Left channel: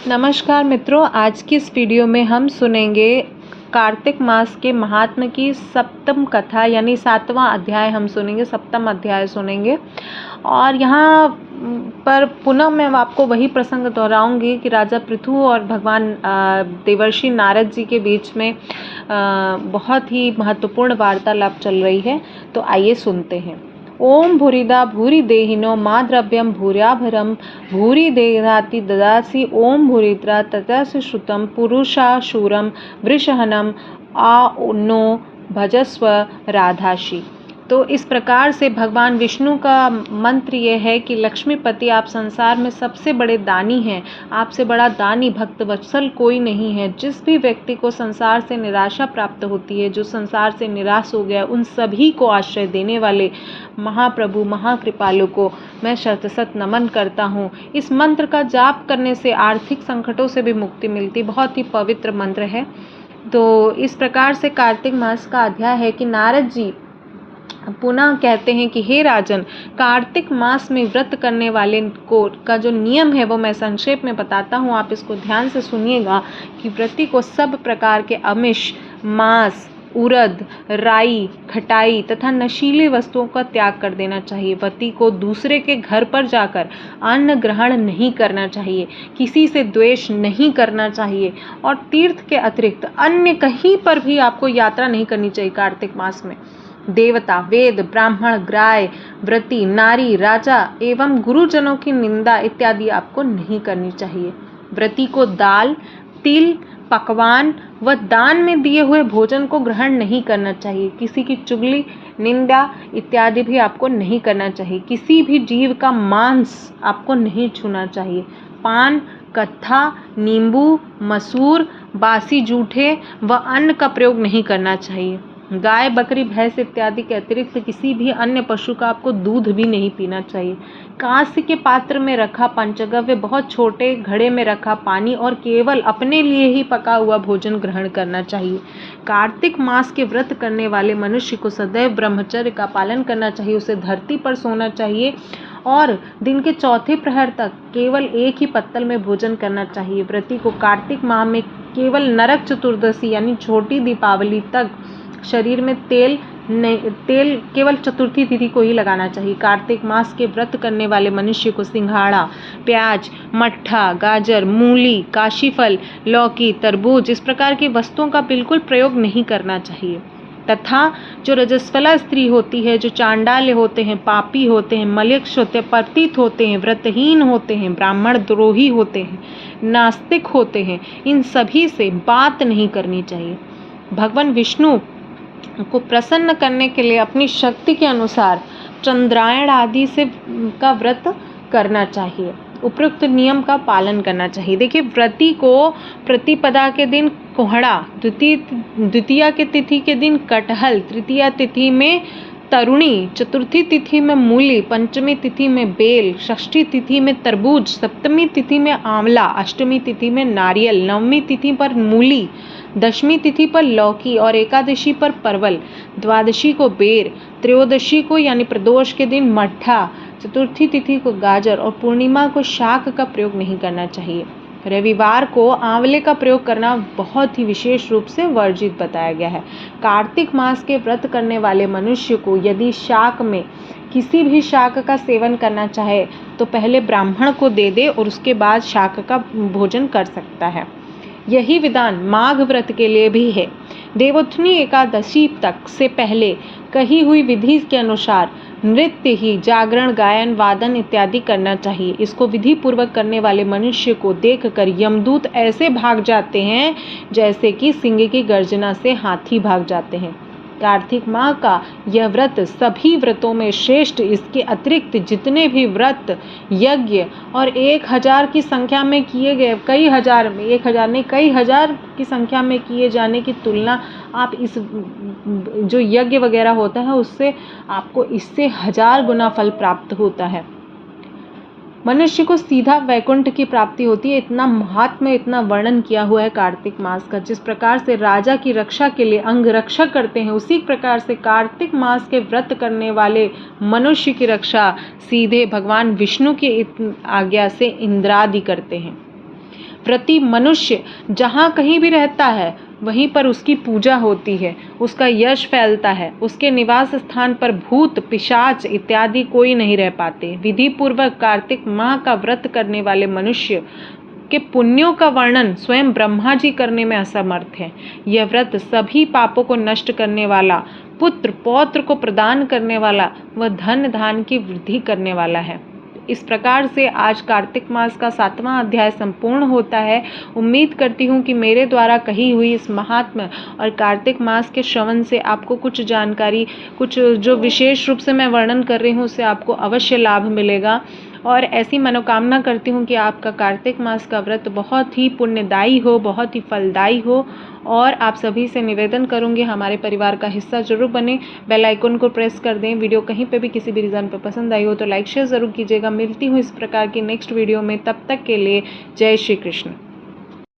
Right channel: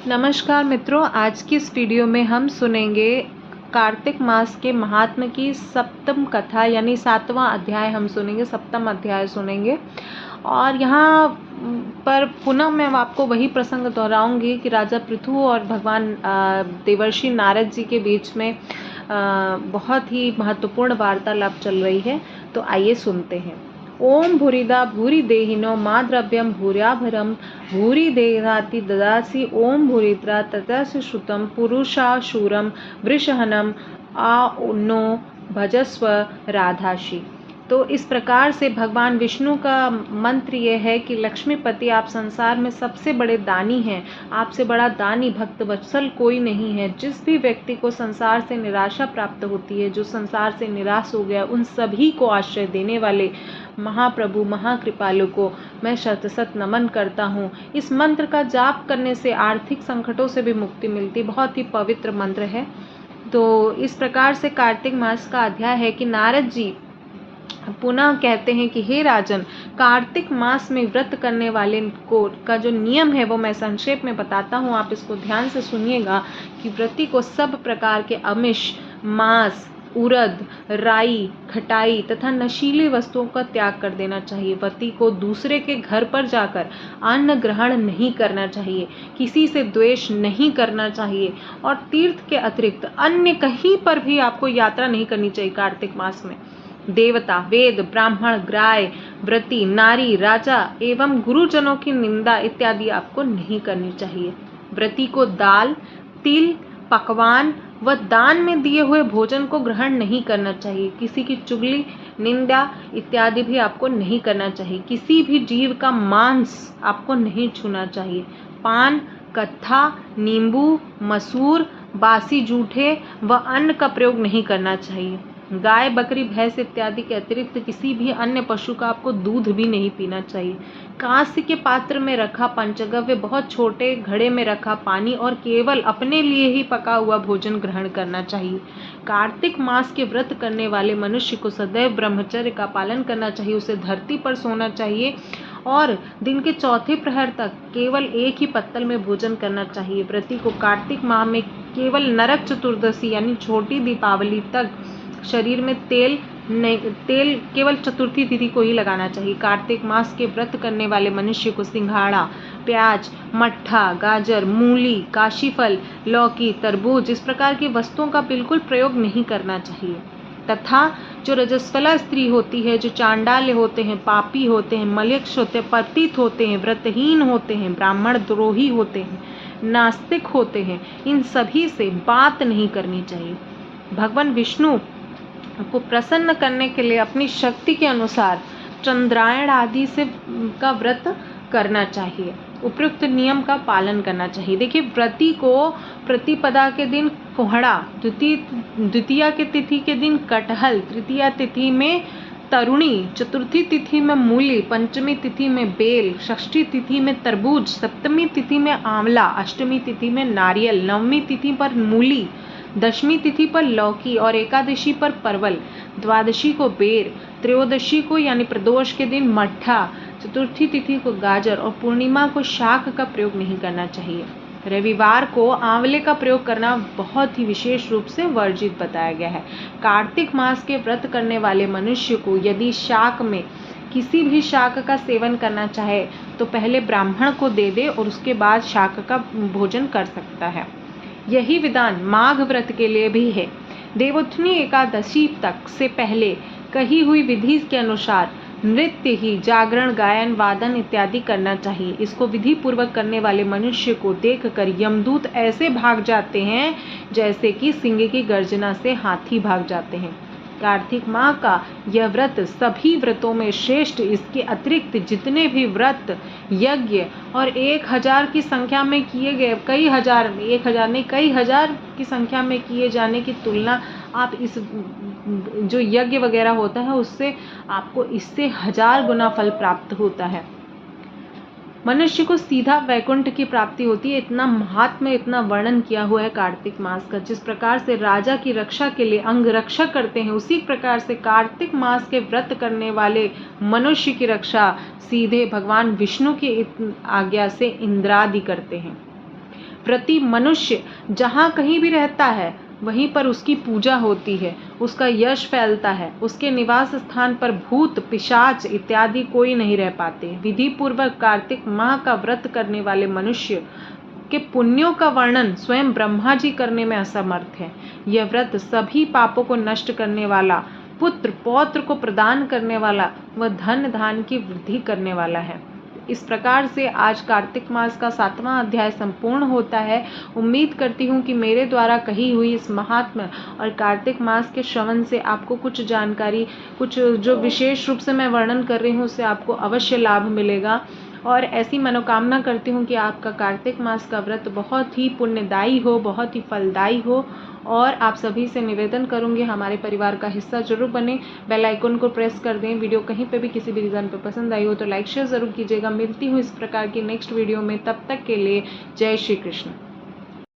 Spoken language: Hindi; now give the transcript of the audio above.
नमस्कार मित्रों, आज की इस वीडियो में हम सुनेंगे कार्तिक मास के महात्म्य की सप्तम कथा यानी 7वां अध्याय हम सुनेंगे, सप्तम अध्याय सुनेंगे। और यहाँ पर पुनः मैं आपको वही प्रसंग दोहराऊंगी कि राजा पृथु और भगवान देवर्षि नारद जी के बीच में बहुत ही महत्वपूर्ण वार्तालाप चल रही है। तो आइए सुनते हैं। ओम भूरिदा भूरि देहिनो मा द्रव्यम भूर्याभरम भूरि देहाति ददासि ओम भूरिद्रा ततस्य श्रुतम पुरुषा शूरम वृषहनम आ नो भजस्व राधाशी। तो इस प्रकार से भगवान विष्णु का मंत्र ये है कि लक्ष्मीपति, आप संसार में सबसे बड़े दानी हैं। आपसे बड़ा दानी भक्त वत्सल कोई नहीं है। जिस भी व्यक्ति को संसार से निराशा प्राप्त होती है, जो संसार से निराश हो गया, उन सभी को आश्रय देने वाले महाप्रभु महाकृपालु को मैं शत शत नमन करता हूँ। इस मंत्र का जाप करने से आर्थिक संकटों से भी मुक्ति मिलती। बहुत ही पवित्र मंत्र है। तो इस प्रकार से कार्तिक मास का अध्याय है कि नारद जी पुनः कहते हैं कि हे राजन, कार्तिक मास में व्रत करने वाले को का जो नियम है वो मैं संक्षेप में बताता हूँ। आप इसको ध्यान से सुनिएगा कि व्रती को सब प्रकार के आमिष, मांस, उड़द, राई, खटाई तथा नशीली वस्तुओं का त्याग कर देना चाहिए। व्रती को दूसरे के घर पर जाकर अन्न ग्रहण नहीं करना चाहिए, किसी से द्वेष नहीं करना चाहिए और तीर्थ के अतिरिक्त अन्य कहीं पर भी आपको यात्रा नहीं करनी चाहिए। कार्तिक मास में देवता, वेद, ब्राह्मण, ग्राय, व्रती, नारी, राजा एवं गुरुजनों की निंदा इत्यादि आपको नहीं करनी चाहिए। व्रती को दाल, तिल, पकवान व दान में दिए हुए भोजन को ग्रहण नहीं करना चाहिए। किसी की चुगली, निंदा इत्यादि भी आपको नहीं करना चाहिए। किसी भी जीव का मांस आपको नहीं छूना चाहिए। पान, कत्था, नींबू, मसूर, बासी जूठे व अन्न का प्रयोग नहीं करना चाहिए। गाय, बकरी, भैंस इत्यादि के अतिरिक्त किसी भी अन्य पशु का आपको दूध भी नहीं पीना चाहिए। कांस्य के पात्र में रखा पंचगव्य, बहुत छोटे घड़े में रखा पानी और केवल अपने लिए ही पका हुआ भोजन ग्रहण करना चाहिए। कार्तिक मास के व्रत करने वाले मनुष्य को सदैव ब्रह्मचर्य का पालन करना चाहिए। उसे धरती पर सोना चाहिए और दिन के चौथे प्रहर तक केवल एक ही पत्तल में भोजन करना चाहिए। व्रती को कार्तिक माह में केवल नरक चतुर्दशी यानी छोटी दीपावली तक शरीर में तेल केवल चतुर्थी तिथि को ही लगाना चाहिए। कार्तिक मास के व्रत करने वाले मनुष्य को सिंघाड़ा, प्याज, मट्ठा, गाजर, मूली, काशीफल, लौकी, तरबूज इस प्रकार की वस्तुओं का बिल्कुल प्रयोग नहीं करना चाहिए। तथा जो रजस्वला स्त्री होती है, जो चांडाल्य होते हैं, पापी होते हैं, मलेच्छ होते हैं, पतित होते हैं, व्रतहीन होते हैं, ब्राह्मण द्रोही होते हैं, नास्तिक होते हैं, इन सभी से बात नहीं करनी चाहिए। भगवान विष्णु को प्रसन्न करने के लिए अपनी शक्ति के अनुसार चंद्रायण आदि से का व्रत करना चाहिए। उपयुक्त नियम का पालन करना चाहिए। देखिए, व्रती को प्रतिपदा के दिन कोहड़ा, द्वितीया के तिथि के दिन कटहल, तृतीया तिथि में तरुणी, चतुर्थी तिथि में मूली, पंचमी तिथि में बेल, षष्ठी तिथि में तरबूज, सप्तमी तिथि में आंवला, अष्टमी तिथि में नारियल, नवमी तिथि पर मूली, दशमी तिथि पर लौकी और एकादशी पर परवल, द्वादशी को बेर, त्रयोदशी को यानी प्रदोष के दिन मट्ठा, चतुर्थी तिथि को गाजर और पूर्णिमा को शाक का प्रयोग नहीं करना चाहिए। रविवार को आंवले का प्रयोग करना बहुत ही विशेष रूप से वर्जित बताया गया है। कार्तिक मास के व्रत करने वाले मनुष्य को यदि शाक में किसी भी शाक का सेवन करना चाहे तो पहले ब्राह्मण को दे दे और उसके बाद शाक का भोजन कर सकता है। यही विधान माघ व्रत के लिए भी है। देवोत्थनी एकादशी तक से पहले कही हुई विधि के अनुसार नृत्य ही जागरण, गायन, वादन इत्यादि करना चाहिए। इसको विधि पूर्वक करने वाले मनुष्य को देखकर यमदूत ऐसे भाग जाते हैं जैसे कि सिंह की गर्जना से हाथी भाग जाते हैं। कार्तिक माह का यह व्रत सभी व्रतों में श्रेष्ठ। इसके अतिरिक्त जितने भी व्रत, यज्ञ और 1000 की संख्या में किए गए, कई हजार की संख्या में किए जाने की तुलना आप इस जो यज्ञ वगैरह होता है उससे आपको इससे 1000 गुना फल प्राप्त होता है। मनुष्य को सीधा वैकुंठ की प्राप्ति होती है। इतना महात्म्य, इतना वर्णन किया हुआ है कार्तिक मास का। जिस प्रकार से राजा की रक्षा के लिए अंग रक्षक करते हैं, उसी प्रकार से कार्तिक मास के व्रत करने वाले मनुष्य की रक्षा सीधे भगवान विष्णु की आज्ञा से इंद्रादि करते हैं। व्रती मनुष्य जहाँ कहीं भी रहता है वहीं पर उसकी पूजा होती है, उसका यश फैलता है। उसके निवास स्थान पर भूत पिशाच इत्यादि कोई नहीं रह पाते। विधि पूर्वक कार्तिक माह का व्रत करने वाले मनुष्य के पुण्यों का वर्णन स्वयं ब्रह्मा जी करने में असमर्थ हैं। यह व्रत सभी पापों को नष्ट करने वाला, पुत्र पौत्र को प्रदान करने वाला व धन धान की वृद्धि करने वाला है। इस प्रकार से आज कार्तिक मास का 7वां अध्याय संपूर्ण होता है। उम्मीद करती हूँ कि मेरे द्वारा कही हुई इस महात्म्य और कार्तिक मास के श्रवण से आपको कुछ जानकारी, कुछ जो विशेष रूप से मैं वर्णन कर रही हूँ उससे आपको अवश्य लाभ मिलेगा। और ऐसी मनोकामना करती हूँ कि आपका कार्तिक मास का व्रत बहुत ही पुण्यदायी हो, बहुत ही फलदायी हो। और आप सभी से निवेदन करूँगी हमारे परिवार का हिस्सा जरूर बने, बेल आइकन को प्रेस कर दें। वीडियो कहीं पे भी किसी भी रीज़न पे पसंद आई हो तो लाइक शेयर ज़रूर कीजिएगा। मिलती हूँ इस प्रकार की नेक्स्ट वीडियो में, तब तक के लिए जय श्री कृष्ण।